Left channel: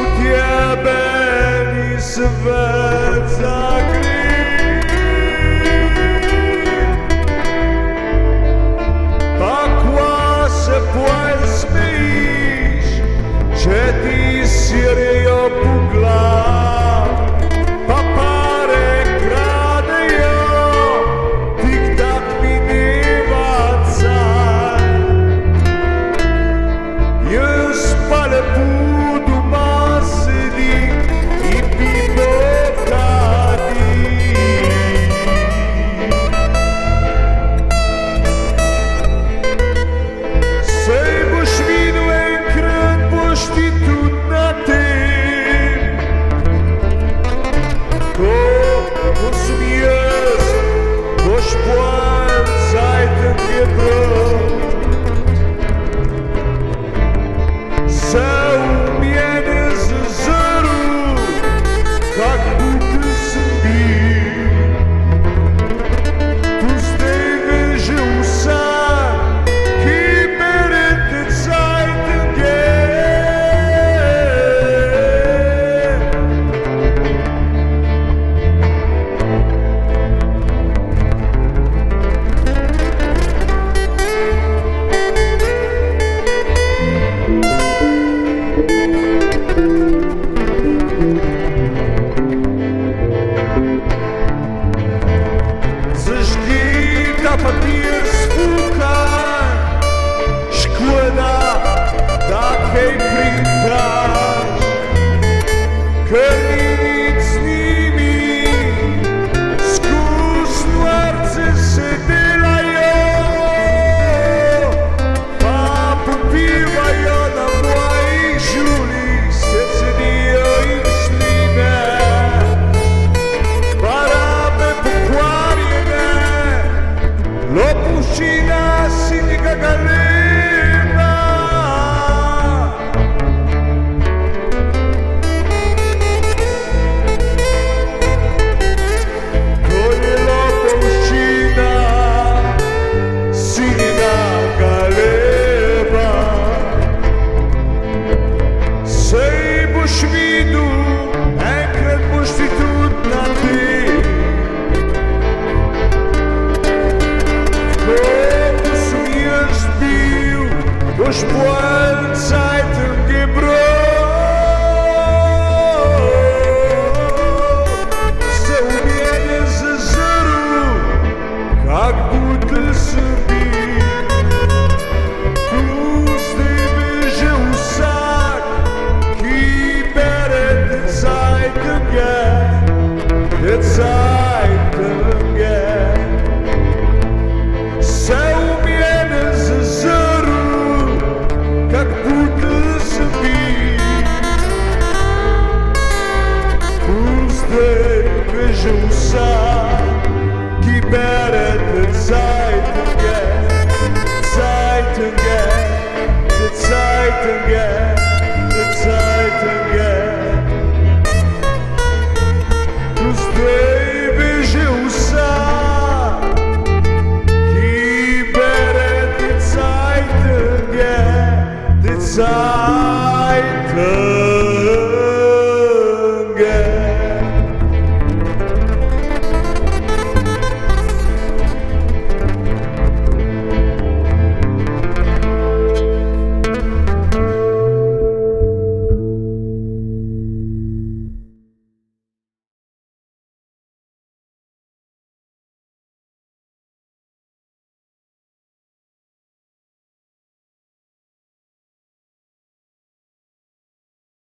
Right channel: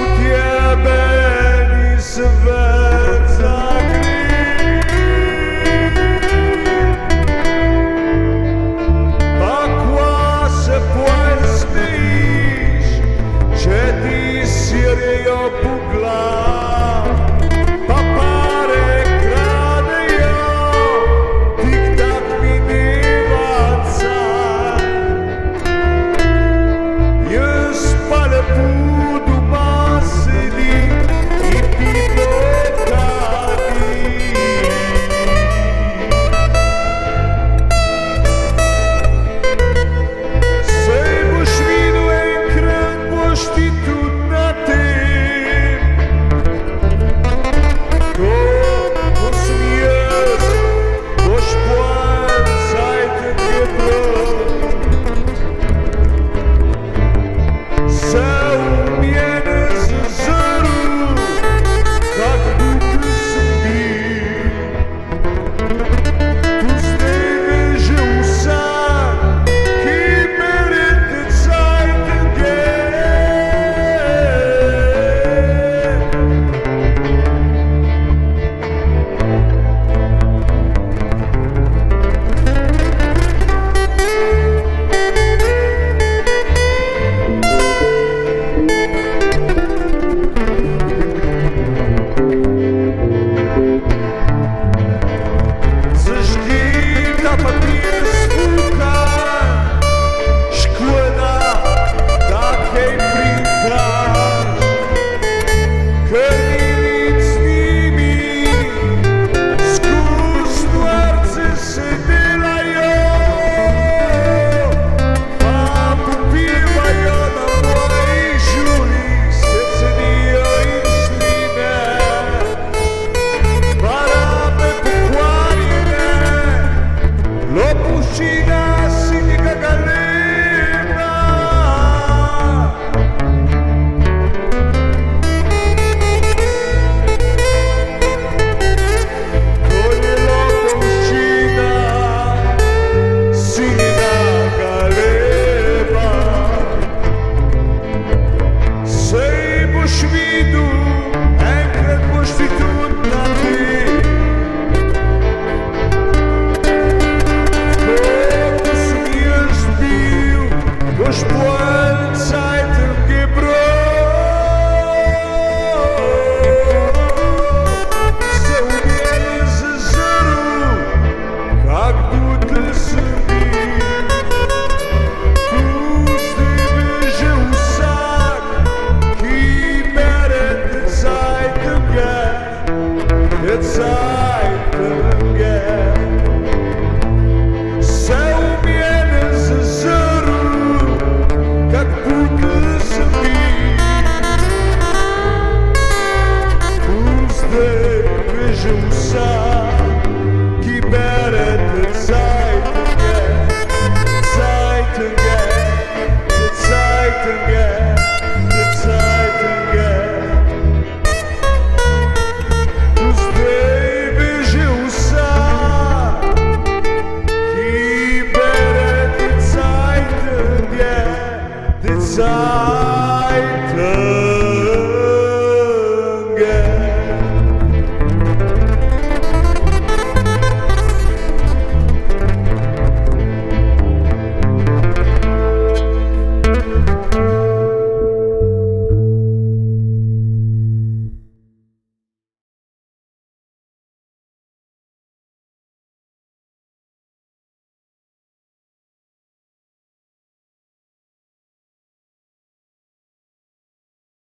u tebe nisam već zagriv. Takva se pojem smejiš, če ti sirijo po glav, pa pare kradejo, tik tak mineva caj. Jaz pa lepo doma sedim in pivo kadim. Sej boš videl, enkrat boš ti tudi na tem. Ko sem jaz, boš pojem zajtrk je prav. Se v mene zazrl, kak bukl sem bil. Tu zdaj ve že vsak, ki bere te zajtrke. Zažgi ta papir sfukaj, škoda, da kaj printaš, ker ni nič z njimi, skoz stvarce se delajo, pa popivajo na mojih žuljih, se cedijo in sline, barame pokvarjene, lopuščina sinjega galeba. To je lopuščina sinjega galeba. Sej boš videl, enkrat boš ti tudi na tem. Ko sem jaz bil, boš